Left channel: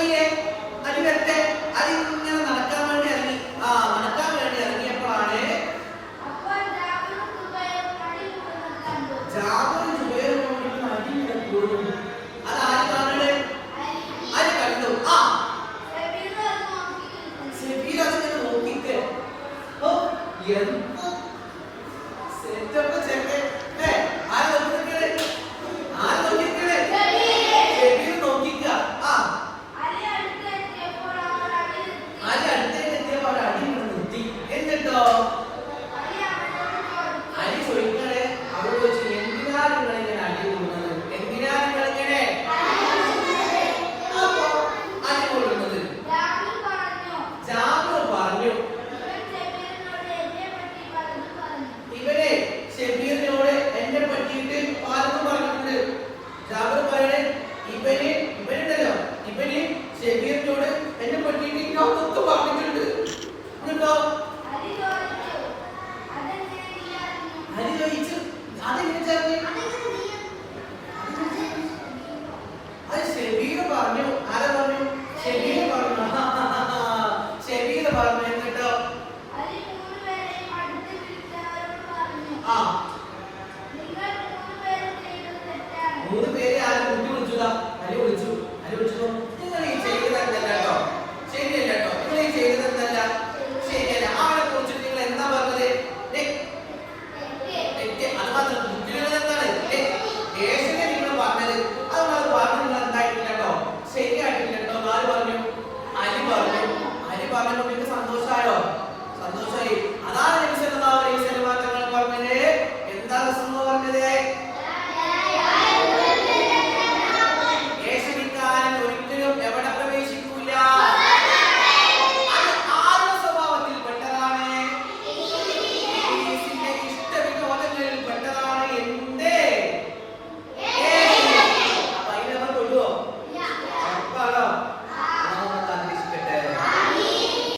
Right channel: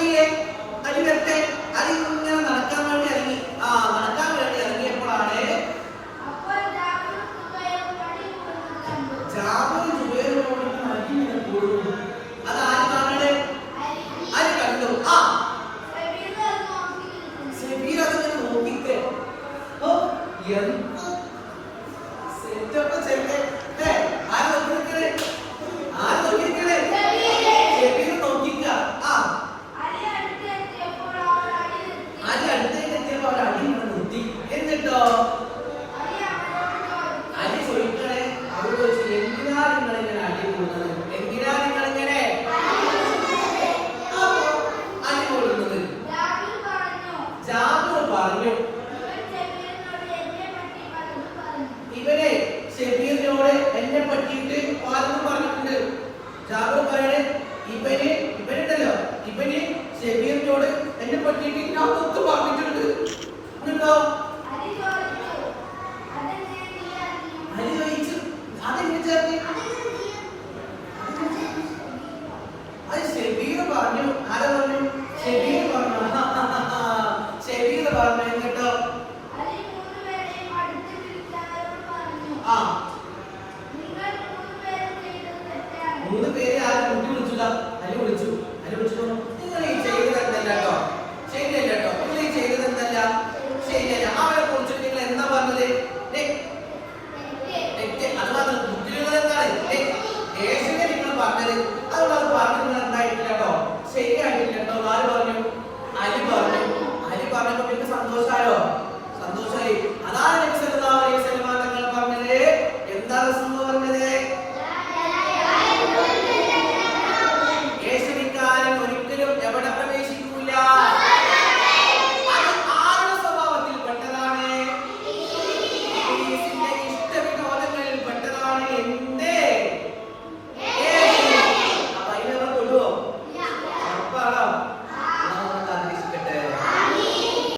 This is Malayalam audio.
അലിയെ അലി വരട്ടെ. അലി ഇങ്ങനെ നടക്കാൻ വേണ്ടി ഇറങ്ങി. നടക്കാൻ വേണ്ടി ഇറങ്ങിയപ്പോഴാണ് ജാബിറും സുബൈറും അലി ഇങ്ങനെ കൂടുന്നു. അത് ആര് കാണണേ? അലി കണ്ടു. ഷബീർ അതിനെ നോക്കിക്കേ. എന്ത് സെറ്റപ്പ് ചെല്ലേ. ആര് നോക്കിക്കേ? ഷബീർ നോക്കിക്ക. അലി അടുത്തേക്കെത്തിയപ്പോൾ ഒരു അടി നിർത്തി. എന്നിട്ടോ അലി ചോദിക്കണേ, അവിടെ ചോദിച്ചു, എന്തിനാ നിങ്ങൾ ഇങ്ങനെ അടി കൂടുന്നത്? എന്തിനാ നിങ്ങൾ ഇങ്ങനെ അടി കൂടുന്നത്? ജാബിർ പറഞ്ഞു, ഇവരെ ഷബീറിനോട് എന്നെ പറ്റിയിട്ട് പലതും പറഞ്ഞിട്ടുണ്ട്. ജാബിർ പറയണേ, ഇവനുണ്ടല്ലോ, ഇവന് ഷബീറിനോട് എന്നെ പറ്റിയിട്ട് ഞാൻ ഒത്ത് പറഞ്ഞിട്ടുണ്ട്. എന്നിട്ടോ അലി ചോദിച്ചു, അതെങ്ങനെ ചേർത്ത്? അത് ഷബീർ പറഞ്ഞു. ആരാ പറഞ്ഞു? ഷബീർ പറഞ്ഞു. ഷബീർ പറഞ്ഞു. എന്നിട്ടോ മൂന്ന് പേരെ ആരും വിളിച്ചതാ. അലി വിളിച്ചു. നിങ്ങൾ ഈ ചെയ്തത് എന്തല്ല കേട്ടോ, ശരിയല്ല കേട്ടോ. നിങ്ങൾ ഈ ചെയ്തത് എന്തല്ല, ശരിയല്ല. അവനെ കുറിച്ചിട്ട് നിങ്ങൾ എന്താ പറഞ്ഞത്? അത് മാത്രം ബുദ്ധിമുട്ട് എന്താണ് ദേശത്തെ നിങ്ങൾ പറഞ്ഞത്? അതുകൊണ്ട് അത് പറഞ്ഞു നിങ്ങൾ എന്തായിട്ടില്ല കേട്ടോ, ശരിയായിട്ടില്ല കേട്ടോ. ആര് പറഞ്ഞു? അലി പറഞ്ഞു. അലി പറഞ്ഞപ്പോ നിങ്ങൾക്ക് സന്തോഷമായോ? സന്തോഷമായി. അതാണ് നബി സല്ലല്ലാഹു അലൈഹി വസല്ലം തങ്ങൾ പറഞ്ഞത്. എന്താ